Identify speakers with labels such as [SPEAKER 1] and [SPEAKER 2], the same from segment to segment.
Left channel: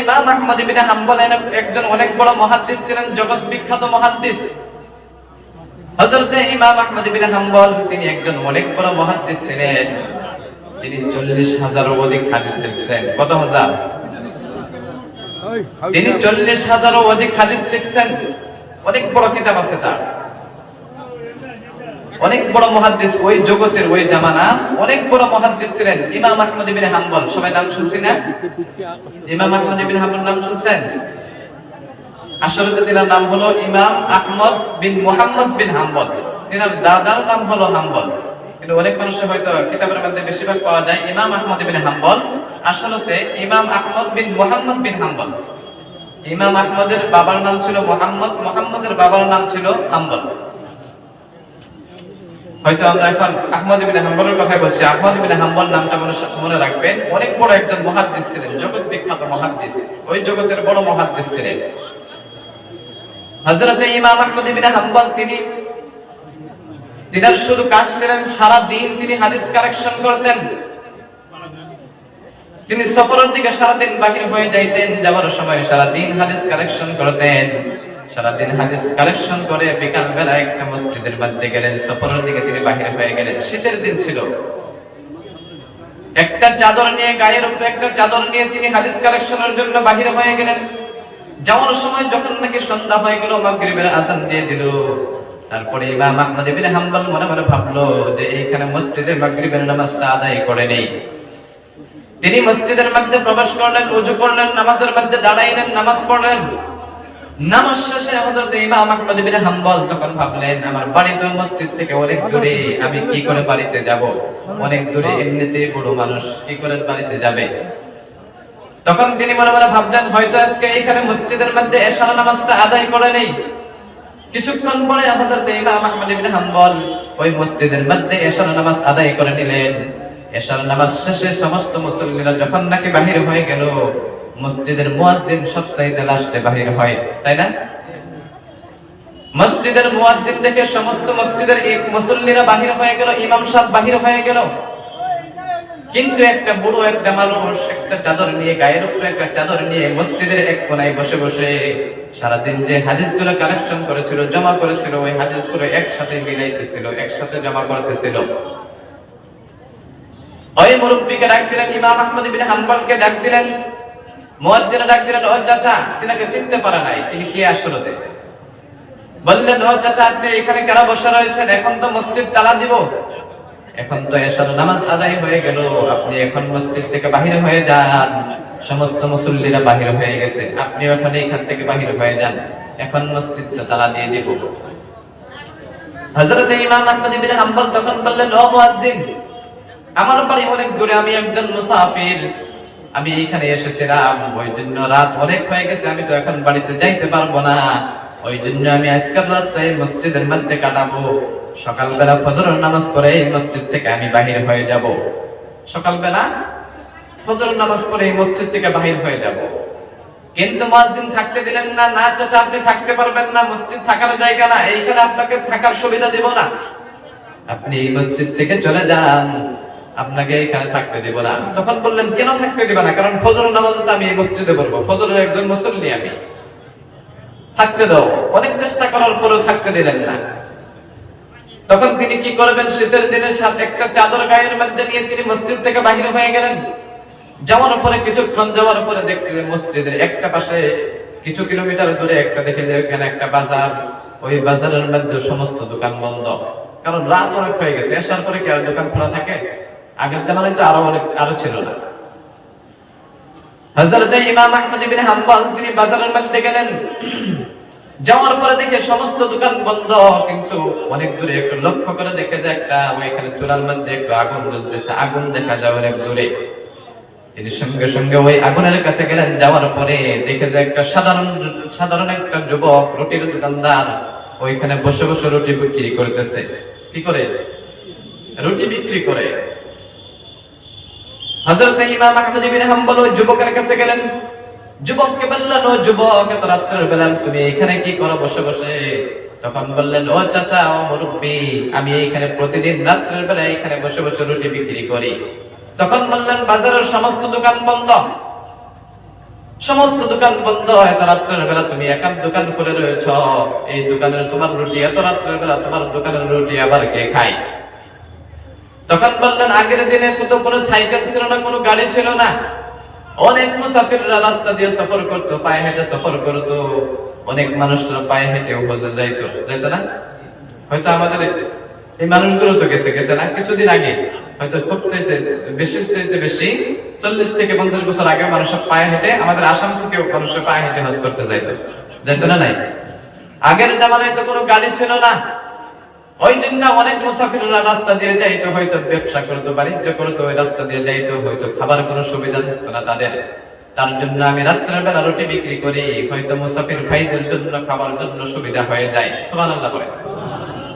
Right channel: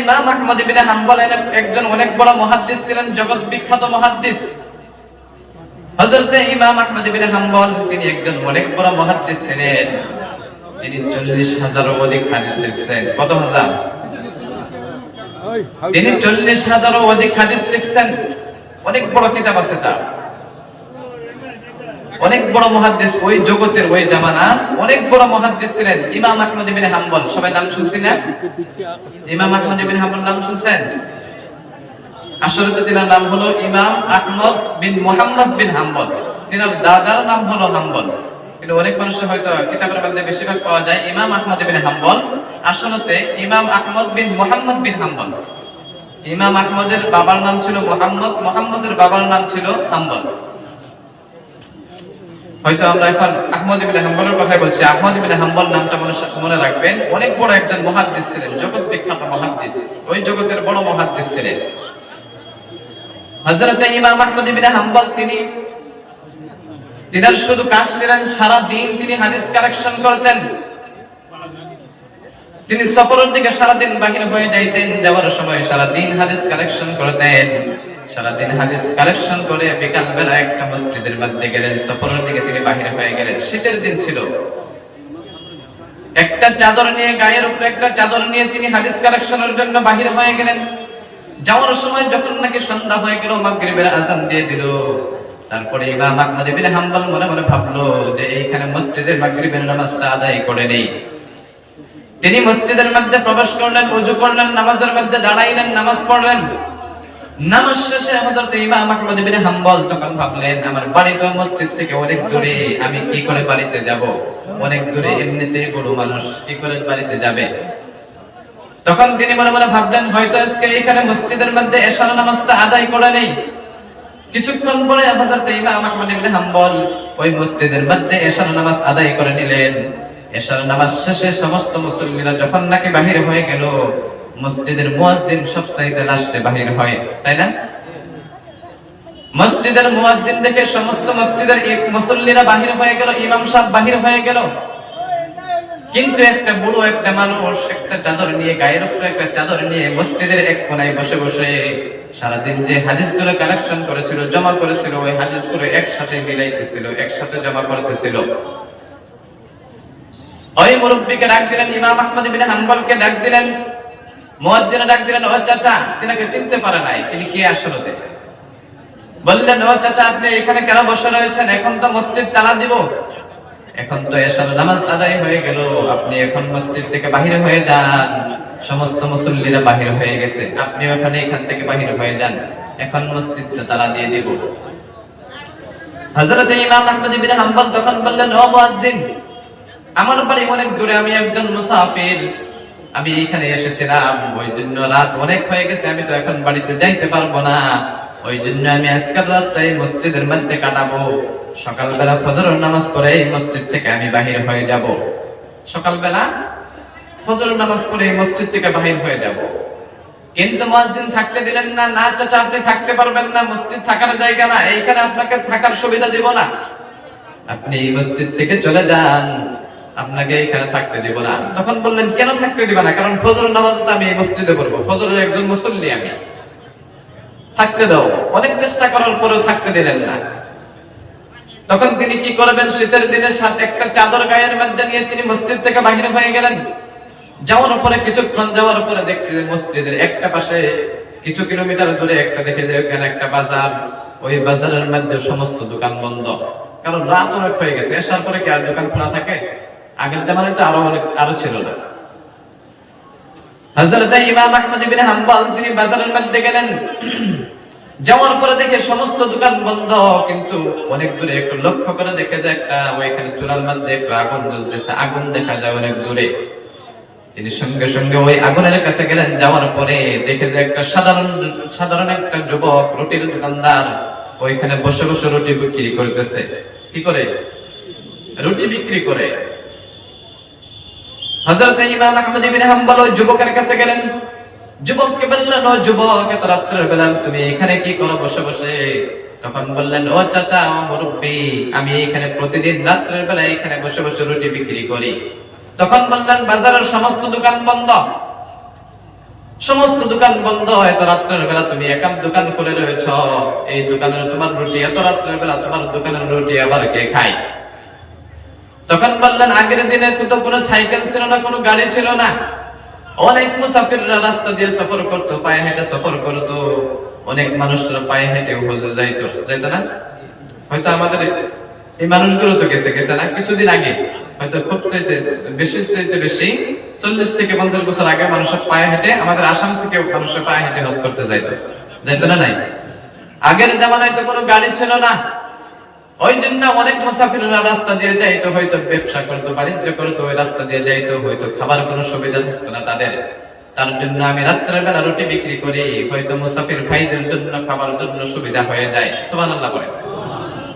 [SPEAKER 1] ইমাম আহমদ ইবনে হাম্বল একজন অনেক বড় মুহাদ্দিস ছিলেন, জগৎ বিখ্যাত ইমাম আহমদ ইবনে হাম্বল, তিনি একজন অনেক বড় ছিলেন। তিনি চল্লিশ হাজারও অধিক হাদিস লিখছেন। কত হাজার? তিনি চল্লিশ হাজারও অধিক হাদিস লিখছেন। অনেক বড় কিতাব আছে তার। অনেক বড় মহাদ্দেশ ওই জগতের ওই জামানা, অনেক বড় মহাদ্দেশ ছিলেন। ইমাম আহমদ ইবিন হাম্বল, সবাই নাম শুনছি না? ইমাম আহমদ ইবিন হাম্বল নাম শুনছেন? আসলে তিনার নাম হলো ইমাম আহমদ বিন মোহাম্মদ বিন হাম্বল। তিনার দাদার নাম হলো হাম্বল। কিন্তু অনেক মানুষের হয়তো কিতাবের মধ্যে বেশিরভাগ পাওয়া যায় ইমাম আহমদ বিন হাম্বল। ইমাম আহমদ বিন মোহাম্মদ বিন হাম্বল। ইমাম আহমদের বাবার নাম ছিল মোহাম্মদ, মোহাম্মদের বাবার নাম ছিল হাম্বল। হয়তো আমরা এখন আহমদ হাম্বলের কথাই বলছি। আহমদ হাম্বল নামটা মনে মনে রাখবেন। অনেক বড় একজন মহাদ্দিস ছিলেন, জগৎ বিখ্যাত মহাদ্দিস। ওই জগতের বড় মহাদ্দিস ছিলেন। হযরত ইমাম আহমদ হাম্বল তিনি তিনার শুধু কাজ ছিলেন সারা তিনি হাদিস কালেকশন করতেন। তিনি সফরের দিকে সারাদিন বাহির হয়ে যাইতেন, যাওয়ার সময় সারাদিন হাদিস কালেকশন করতেন। সারাদিন হাদিস কালেকশন করে বিকাল বেলা একটা মসজিদের মধ্যে গেলেন সফরের দিকে তিনি বাহির হয়ে গেলেন। শীতের দিন ছিল। একটা চাদর নিয়ে গায়ের উপরে একটা চাদর নিয়ে তিনি হাদিস কালেকশনের জন্য বাহির হয়ে গেলেন। যাওয়ার সময় যখন নাকি সন্ধ্যা হয়ে গেল, মাগরিবের আজান দিয়ে দিল। তারপরে ইমাম আহমদ ইবনে হাম্বল মনে মনে ভাবলো যে এইখানে মসজিদের মাগরিবের নামাজটা আদায় করে নেই। তিনি মসজিদের মধ্যে প্রবেশ করলেন, উজু করলেন, নামাজের মধ্যে দাঁড়াইলেন, নামাজ পড়লেন। হযরত ইমাম আহমদ ইবনে হাম্বল তখন ভাবলেন, আমার বাড়ি তো মসজিদ থেকে অনেক দূরে, আমি কি করে বাড়িতে যাব? অনেক দূরে বড় মানুষ, কি করে বাড়িতে যাবে? তখন তিনি মনে মনে ভাবলেন, হয়তো আজকে এখানে মসজিদের মধ্যে নামাজটা আদায় করে নেই। কিছুক্ষণ পরে হযরত ইমাম আহমদ ইবনে হাম্বল ওই মসজিদের মধ্যে নামাজ আদায় করে নিলেন। এশার নামাজ শেষে সমস্ত মুসল্লিরা যখন নাকি বাহির হয়ে গেল মসজিদের মুয়াজ্জিন সবচাইতে লাস্টে বাহির হয়, তাই না? মসজিদের মুয়াজ্জিন দেখে সমস্ত মসজিদের মুসল্লিরা বাহির হয়ে গেল, ইমাম সাহেব বাহির হয়ে গেল। কিন্তু একটা বুড়ো, একটা মানুষ, একটা চাদর নিয়ে, গায়ের উপরে একটা চাদর নিয়ে মসজিদের এক কোনায় বসে বসে সারাদিন যে হাদিসগুলো কালেকশন করেছিল, জমা করেছিল, ওই হাদিসগুলো একসাথে মিলাইতেছিল, একসাথে জমা করতেছিল। ওই মুরব্বীকে ডাক দিলেন, ইমাম আহমদ ইবিন হাম্বলকে ডাক দিলেন ডাক দিলেন ও চাচা, তিনাকে চিনতে পারে নাই, তিনি কে আসলে বললেন ও চাচা, আপনি এখানে কেন বসে রয়েছেন? এখন তো মসজিদ তালা দিব। এখন তো নামাজ আদায় হয়ে গেল, আপনি এখন মসজিদ থেকে বাহির হয়ে যান। সমস্ত মুসল্লিরা বাহির হয়ে গেছে আপনি ওখানে এখান থেকে বাহির হয়ে যান। এখন মসজিদ তালা দিয়ে দিব। হযরত ইমাম আহমদ হাম্বল তখন বললেন ও মুয়াজ্জিন, আমার বাড়ি অনেক দূরে, আমি একজন মুসাফির। আমি এখানে এসেছিলাম ওই জন্য রাত অনেক হয়ে গেছে, আমি তো এখন বাড়িতে যাইতে পারব না। ওই জন্য আমি আজকাল রাত এই মসজিদের মধ্যে কাটাবো। সকালবেলা ফজরের নামাজ পড়ে এই মসজিদ থেকে আমি বাহির হয়ে যাব। সকালবেলা ফজরের নামাজ পড়ে মসজিদ থেকে বাহির হয়ে যাব। কিন্তু মুয়াজ্জিন থাকতে দিলেন না না চাচা আপনি থাকতে পারবেন না, মসজিদ থাকার জায়গা না, এইখানে আপনাকে থাকার সুবিধা দিব না। আপনি এই মসজিদ থেকে চলে যান। আপনাকে এখানে থাকতে দিব না। তখন বললেন, কেন থাকতে দিবে না? কারণ ফজর নামাজ তো আমি মসজিদে পড়ব। ফজরের একজন মুসল্লি আমি। থাকতে দাও। অনেক চেষ্টা করার পরেও থাকতে দিলেন না। তখন তিনি কি করবেন? শীতের দিনে একটা চাদর গায়ের মধ্যে নিয়ে তিনি মসজিদ থেকে বাহির হয়ে গেলেন। যাওয়ার পরে, কিছুক্ষণ যাওয়ার পরে দেখছি মসজিদের একটা পাশে কিছু কিলোমিটার দূরে একটা দেখে যে ওখানে একটা বাজার। ওই বাজারের মধ্যে সমস্ত দোকান বন্ধ। কারণ রাত অনেক হয়ে গেছে। এসার পরে কি আর দোকান খোলা থাকে? আগের জামানায় তো আরও অনেক, আরও ছিল না। হযরত ইমাম আহমদ ইবনে হাম্বল, তিনি বাজারের মধ্যে গেলেন। যাওয়ার পরে দেখে সমস্ত দোকান বন্ধ, কিন্তু অনেক দূরে, একটু লক্ষ্য করে দেখে যে একটা চুলার মধ্যে একটু আগুন জ্বলতেছে। আগুন দেখা যায় অনেক দূরে। তিনি সঙ্গে সঙ্গে ওই আগুনের কাছে গেলেন। যাওয়ার পরে দেখে যে একটা সাধারণ সাধারণ একটা যুবক, রুটির দোকানদার, ওইখানে বসে বসে রুটি বিক্রি করতেছে। কি করে? রুটি বিক্রি করে। আমি এখানে প্রতিদিন রাত্রের বেলা এখানে বসে বসে রুটি বিক্রি করি। তখন বললেন, বাজারের সমস্ত দোকান বন্ধ। সমস্ত দোকান বন্ধ। এত রাত্রের বেলা তুমি একান্ত দোকান করে রয়েছ। এই দোকানের তোমার রুটি, এত রাত্রের বেলা তোমার দোকানের রুটি আবার কে খায়? তখন বললেন, আগের দিনে তো কোনো সাইকেল ছিল না, কোনো গাড়ি ছিল না। অনেক মুসাফিররা রাস্তা দিয়ে সফর করতো, পায়ে হেঁটে সফর করতো। অনেক মানুষরা পায়ে হেঁটে হজে যাইতো। যাইতো না? হয়তো আমাদের এই মানুষগুলো তো গেছে গেছে না? কিছুদিন আগে। হয়তো খুব বেশি চাইতে বেশি চল্লিশ থেকে পঞ্চাশ বছর আগে মানুষের পায়ে হেঁটে, আমাদের আসাম থেকেও মানুষের পায়ে হেঁটে হজ করতে যাইতো। যাইতো না নাই? আগের জামানায় তো কোনো গাড়ি ছিল না। ওই অনেক রাস্তা দিয়ে হয়তো ব্যবসা করতো বাণিজ্য করতো ওই রাস্তা দিয়ে হয়তো খাবার কোনো সুবিধা থাকতো না তাদের। তার জন্য আমি রুটি বিক্রি করি, হয়তো মুসাফির ভাইদের জন্য খাবার জন্য সুবিধা হয়ে যায়।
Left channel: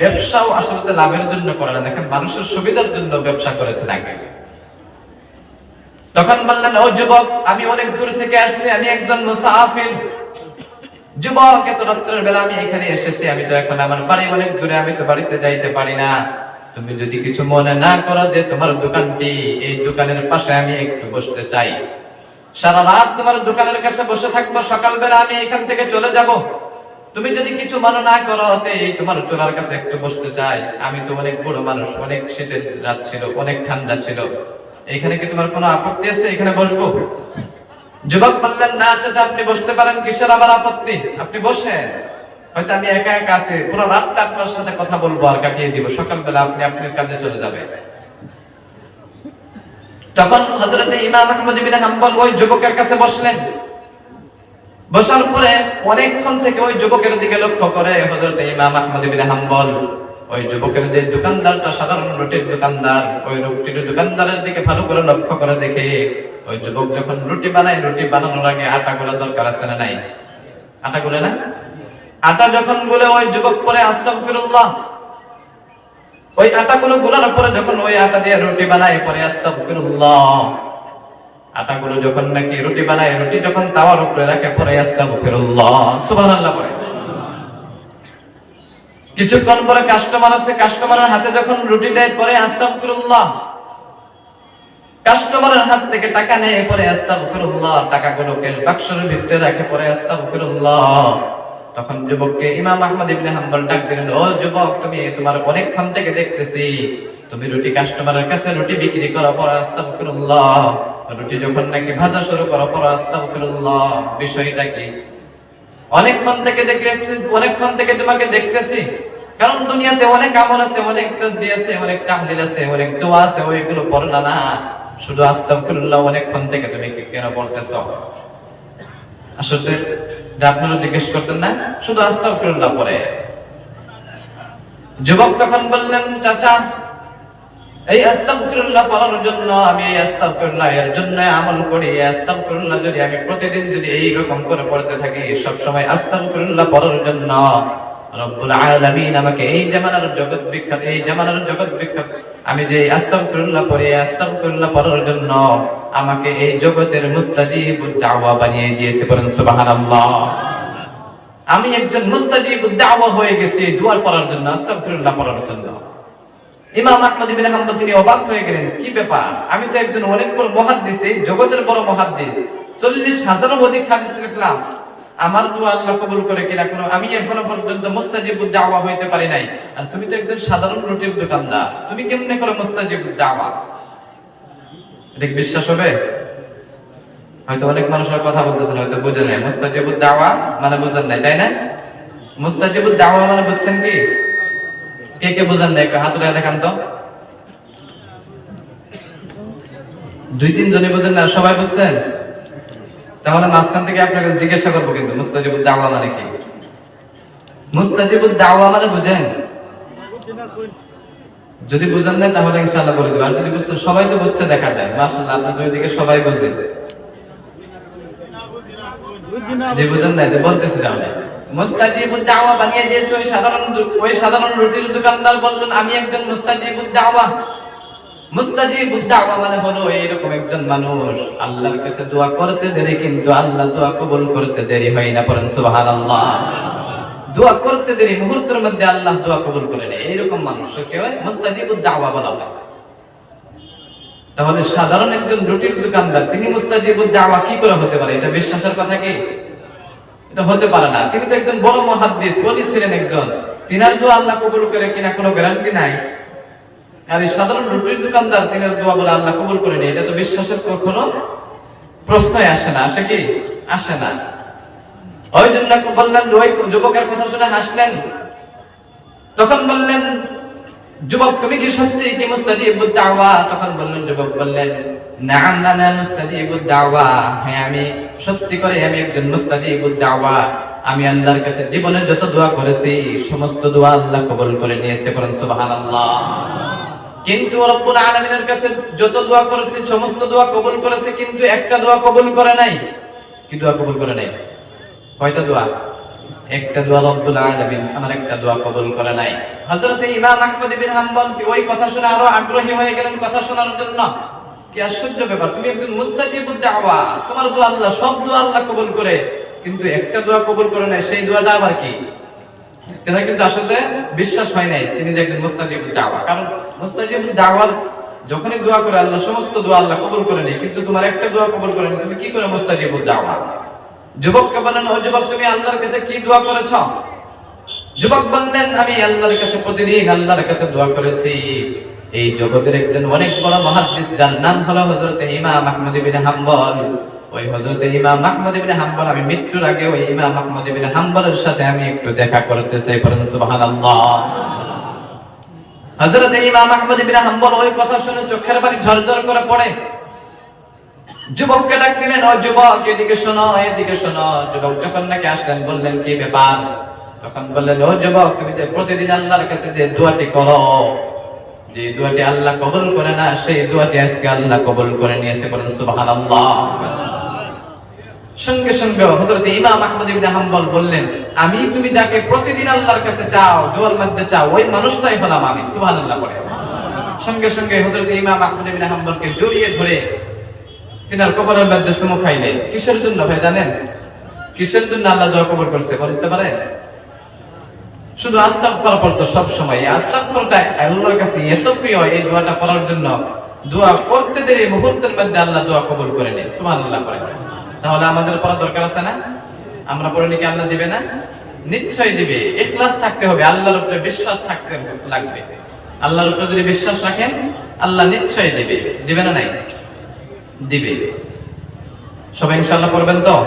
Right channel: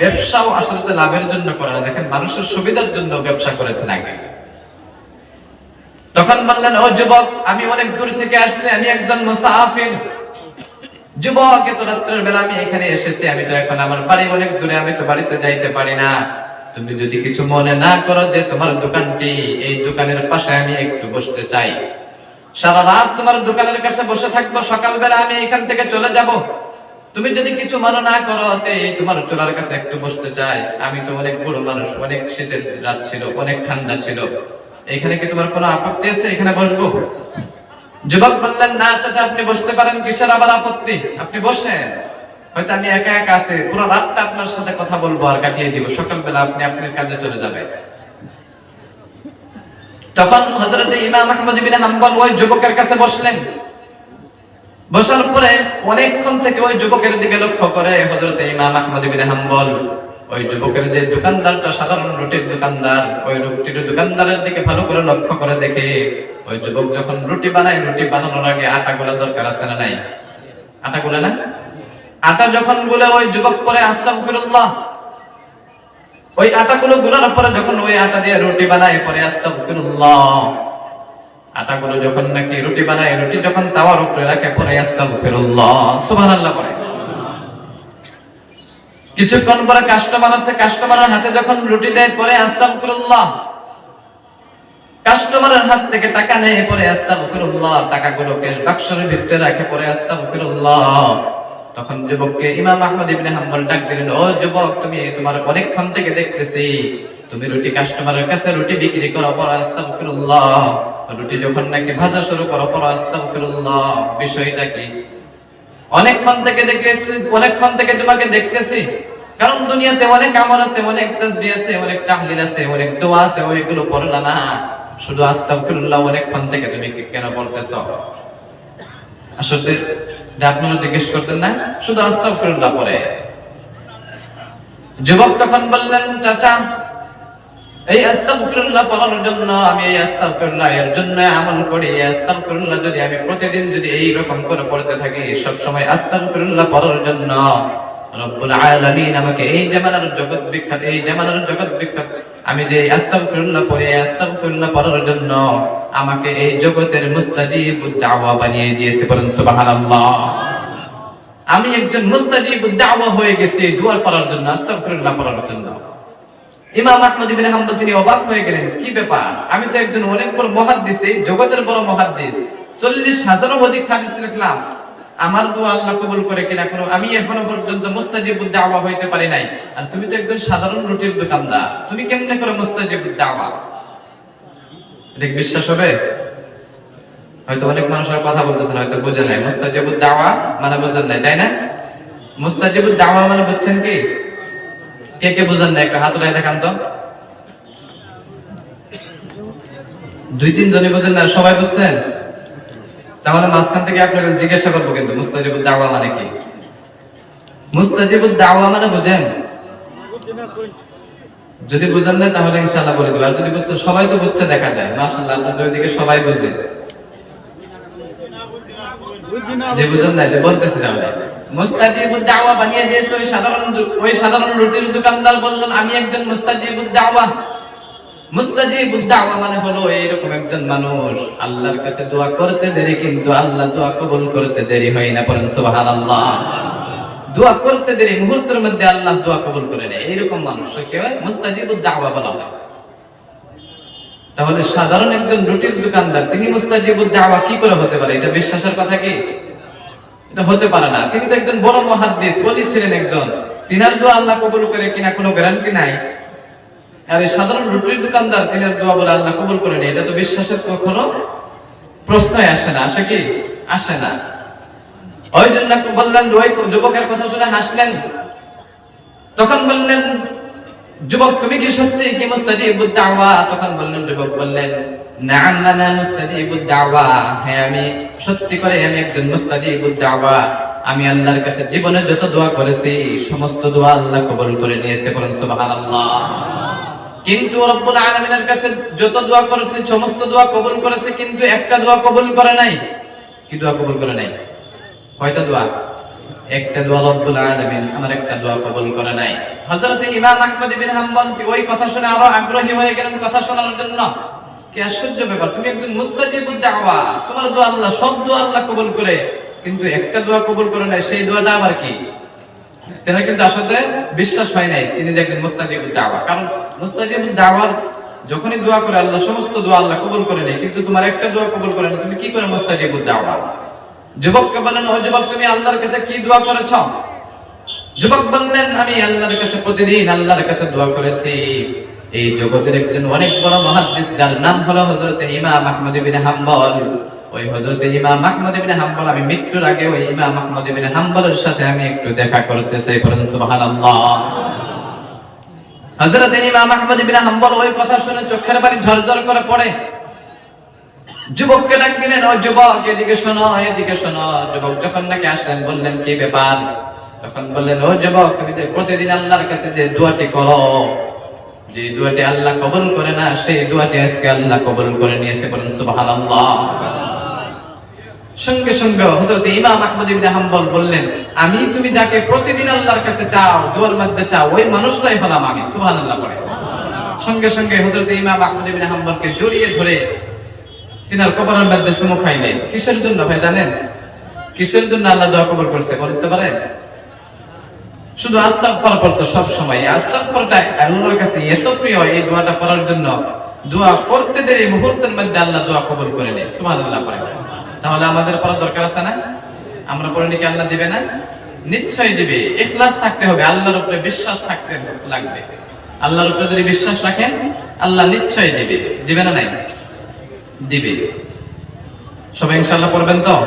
[SPEAKER 1] ব্যবসাও আসলে লাভের জন্য করে না, দেখেন মানুষের সুবিধার জন্য ব্যবসা করেছেন আগে। তখন বললেন, ও যুবক, আমি অনেক দূর থেকে আসছি, আমি একজন মুসাফির। যুবক, এত রাত্রের বেলা আমি এখানে এসেছি, আমি তো এখন আমার বাড়ি অনেক দূরে, আমি তো বাড়িতে যাইতে পারি না। তুমি যদি কিছু মনে না করো যে তোমার দোকানটি, এই দোকানের পাশে আমি একটু বসতে চাই। সারা রাত তোমার দোকানের কাছে বসে থাকব, সকালবেলা আমি এখান থেকে চলে যাব। তুমি যদি কিছু মনে না করো এই তোমার চোরার কাছে একটু বসতে চাই। আমি তো অনেক বড় মানুষ, অনেক শীতের রাত ছিল, অনেক ঠান্ডা ছিল। এখানে কি তোমার কোনো আপত্তি আছে? এখানে বসবো। যুবক বললেন, না চাচা, আপনি বসতে পারেন কিসের আবার আপত্তি? আপনি বসেন। হয়তো আমি একা একা আছি, পুরো রাতটা আপনার সাথে কথা বলব আর কাটিয়ে দিব। সকালবেলা আপনি আপনার কাজে চলে যাবে তখন হজরত ইমাম আহমদ বিন হাম্বল ওই যুবকের কাছে বসলেন। বসার পরে অনেকক্ষণ থেকে ওই যুবকের দিকে লক্ষ্য করে হজরত ইমাম আহমদ বিন হাম্বল। ওই যুবকের যে দোকানদারটা, সাধারণ রুটির দোকানদার, ওই রুটির দোকানদারের দিকে ভালো করে লক্ষ্য করে দেখে ওই যুবক যখন রুটি বানায়, রুটি বানানোর আগে আটা গুলা দরকার আছে না নাই? আটা গুলা না? আটা যখন গুলে ওই যুবক করে আস্তাগফিরুল্লাহ, ওই আটাগুলো গুলার পরে যখন ওই আটা দিয়ে রুটি বানায়, পরে আস্তাগফিরুল্লাহ। আটাগুলো যখন নাকি রুটি বানায়, রুটি যখন তাওয়ার উপরে রাখে, পরে আস্তাগফিরুল্লাহ। সুবহানাল্লাহ পরে। কিছুক্ষণ পরে কাস্টমার আছে কাস্টমারের হাতে যখন রুটি দেয়, পরে আস্তাগফিরুল্লাহ। কাস্টমারের হাত থেকে টাকা নেয় পরে আস্তাগফিরুল্লাহ, টাকাগুলোকে বাক্সের ভিতরে রাখে পরে আস্তাগফিরুল্লাহ। তখন যুবককে ইমাম আহমদ ইবনে হাম্বল ডাক দিলেন, ও যুবক, তুমি তোমার অনেকক্ষণ থেকে দেখতেছি। তুমি রুটি কাস্টমারের কাছে রুটি বিক্রি করো, পর আস্তাগফিরুল্লাহ। রুটি যখন নাকি ভাজা শুরু করো, পর আস্তাগফিরুল্লাহ। বিষয়টা কি? অনেকক্ষণ থেকে দেখতেছি, অনেকক্ষণ থেকে তোমাকে দেখতেছি। কারণ দুনিয়াতে অনেক আমল আছে, অনেক তসবিহ আছে, অনেক তাহলিল আছে, অনেক দোয়া আছে, ওইগুলো পড়লা না। শুধু আস্তাগফিরুল্লাহ অনেকক্ষণ থেকে তুমি কেন পড়তেছ আসলে আপনারা জিজ্ঞেস করতেন না, শুধু আস্তাগফিরুল্লাহ পড়ে যুবক তখন বললেন, চাচা, এই আস্তাগফিরুল্লাহ পড়ার জন্য আমি এই আস্তাগফিরুল্লাহ এর জন্য আমল করি। এই আস্তাগফিরুল্লাহ যদি আমি প্রতিদিন যদি এই রকম করে পড়তে থাকি সব সময় আস্তাগফিরুল্লাহ পড়ার জন্য আমি একজন মুস্তাজিব দাওয়া হয়ে গেছি দোয়া পড়ার জন্য পড়ার জন্য। ইমাম তিনি অবাক হয়ে গেলেন, কি ব্যাপার? আমি তো একজন অনেক বড় মুহাদ্দিস, এই জগতের বড় মুহাদ্দিস। চল্লিশ হাজারও অধিক হাদিস লিখলাম। আমার দোয়া আল্লাহ কবুল করে কিনা কোনো, আমি এখনও পর্যন্ত মুস্তাজিব দাওয়া হইতে পারি নাই। আর তুমি তো একজন সাধারণ রুটির দোকানদার। তুমি কেমনে করে মুস্তাজিব দাওয়া? এটা বিশ্বাস হবে? হয়তো অনেক মানুষের কথা বলতেছেন হয়তো বুঝে নাই। মুস্তাজিব দাওয়া মানে বুঝেন নাই, তাই না? মুস্তাজিব দাওয়া মানে বুঝছেন কি? কে কে বুঝেন নাই? একটু হাত উঠে দেখান তো। দুই তিন জনই বোঝেন না, সবাই বুঝছেন? তাহলে মাঝখান থেকে আপনাকে জিজ্ঞাসা করব কিন্তু, মুস্তাজিবুদ দাওয়া মানে কি? মুস্তাজিবুদ দাওয়া মানে বুঝেন? যদি বুঝেন না তাহলে ইনশাআল্লাহ বলে দেবো আর যদি বুঝছেন, সবাই তো বুঝছে, দেখা যায়। মাশাআল্লাহ আপনাদের ওইদিকে সবাই বুঝে। যে বুঝেন না এটা বলতেছি তাহলে। মুস্তাজিবুদ দাওয়া বানিয়ে দিয়েছে ওই সাধারণ ওই সাধারণ রুটির দোকানদার বললেন, আমি একজন মুস্তাজিবুদ দাওয়া। মুস্তাজিবুদ দাওয়া মানে হলো এইরকম একজন মানুষ। আল্লাহর কাছে দোয়া করতে দেরি, কিন্তু আল্লাহ দোয়া কবুল করতে দেরি হয় না সুবহানাল্লাহ। দোয়া করতে দেরি, মুহূর্তের মধ্যে আল্লাহ দোয়া কবুল করে নেয়। মুস্তাজিবুদ দাওয়া বলা হয়। তাহলে সাধারণ একজন রুটির দোকানদার, তিনি মুস্তাজিবুদ দাওয়া কি করে হতে পারে? এটা বিশ্বাসের কথা কি? এটা হতে পারে না। তিনি তো একজন বড় মহাদ্দিস, বলি ছিলেন একজন। তিনার দোয়া আল্লাহ কবুল করে কিনা কোনো গ্যারান্টি নাই। আর এই সাধারণ রুটির দোকানদার তিনার দোয়া বলে আল্লাহ কবুল করেনি এটা তো বিশ্বাসের কখনো প্রশ্নই আসে না। আসে কি? আসে না। ওই জন্য বললেন, ওই যুবকের কথা শুনে হাসলেন। তখন বললেন, যুবক, তুমি কি সত্যি? কি মুস্তাজিবুদ দাওয়া? তখন বললেন, যুবক বললেন, নাম আনা মুস্তাজিবুদ দাওয়া। হ্যাঁ আমি সত্যি করে আমি একজন মুস্তাজিবুদ দাওয়া। আমি আল্লাহর কাছে জীবনে যত দোয়া করেছি, সমস্ত দোয়া আল্লাহ কবুল করে নিয়েছে বলেন সুবহানাল্লাহ। কিন্তু রব্বুল আলামিনের কাছে যত দোয়া করেছে, সমস্ত দোয়া কবুল করেছে, কিন্তু একটা দোয়া কবুল করে নাই। কি দোয়া কবুল করে নাই? কয়টা দোয়া? একটা দোয়া রব্বুল আলামিন, আমার একটা দোয়া কবুল করে নাই। হযরত ইমাম আহমদ ইবনে হাম্বল কি ওই কথা শুনে আরও আগ্রহী হয়ে গেলেন কথা শোনার জন্য? কি আশ্চর্য ব্যাপার, তুমি একজন মুস্তাজিবুদ দাওয়া, তোমার দোয়া আল্লাহ, সব দোয়া আল্লাহ কবুল করে, কিন্তু একটা দোয়া কবুল করে নাই, সেই দোয়াটা আবার কি? তেনার কিন্তু আসলে বিশ্বাস হয় নাই, তিনি যে একজন মুস্তাজিবুদ দাওয়া। কারণ যখনই দোয়া করে আল্লাহ, সমস্ত দোয়া আল্লাহ কবুল করে নেই কিন্তু তোমার একটা দোয়া কবুল করে তুমি কি করে যুবককে বলেন, ও যুবক, তুমি আল্লাহর কাছে কি দোয়া করেছ? যুবক বললেন, আমি আল্লাহর কাছে প্রতিদিন আল্লাহর কাছে দোয়া করেছি। এই জগতের একজন অনেক বড় মহাদ্দিস, যার নাম হলো হযরত ইমাম আহমদ হাম্বল। ওই হযরত ইমাম আহমদ ইবনে হাম্বল, আমি মৃত্যুর আগে ওই ইমাম আহমদ ইবনে হাম্বলের সাথে আমি একটু দেখা করতে চাই পড়েন সুবহানাল্লাহ। হযরত ইমাম আহমদ ইবনে হাম্বল ওই কথা শুনে চোখের পানি ঝরঝর করে পড়ে। যুবককে ডাকলেন, ও যুবক, এদিকে শোনো এদিকে শোনো। যুবক যখন নাকি আসলেন, বললেন, কি ব্যাপার? তখন বললেন, ও যুবক, তুমি প্রতিদিন আল্লাহর কাছে যে দোয়াটি করো, যে দোয়াটি আল্লাহ কবুল করে না, সেই দোয়াটি আজকে আল্লাহ কবুল করে নিয়েছে বলেন সুবহানাল্লাহ। সঙ্গে সঙ্গে হযরত ইমাম আহমদ ইবনে হাম্বল বললেন, আমি তুমি যাকে প্রতিদিন আল্লাহর কাছে চাও, দোয়ার মধ্যে চাও, ওই মানুষটাই হলাম আমি। সুবহানাল্লাহ করে সঙ্গে সঙ্গে হযরত ইমাম আহমদ ইবনে হাম্বলকে জড়িয়ে ধরে তিনার কবরের মধ্যে খাইলেন। কিসের জন্য ভাই জানেন? কিসের জন্য আল্লাহ দোয়া কবর করছে বলতে পারে? শুধু আস্তাক করা পড়তো সব সময়। আস্তাক করতে আল্লাহর কাছে এত এই দোয়াটা করার জন্য। দোয়া করতে দেরি মুহূর্তের মধ্যে আল্লাহ দোয়া কবুল করে নেয়, সুবহানাল্লাহ করে তাহলে আমাদের পড়ার দরকার আছে না? আমরা পড়লে কি আল্লাহ দিবে না? নিশ্চয় দিবে। এখলাস থাকতে হবে। আল্লাহর উপরে বিশ্বাস থাকতে লাগবে। আল্লাহর উপরে যদি বিশ্বাস রাখেন, আল্লাহ নিশ্চয় দিবে। দিবে না নাই? দিবে। সবাই ইনশাল্লাহ করবেন তো?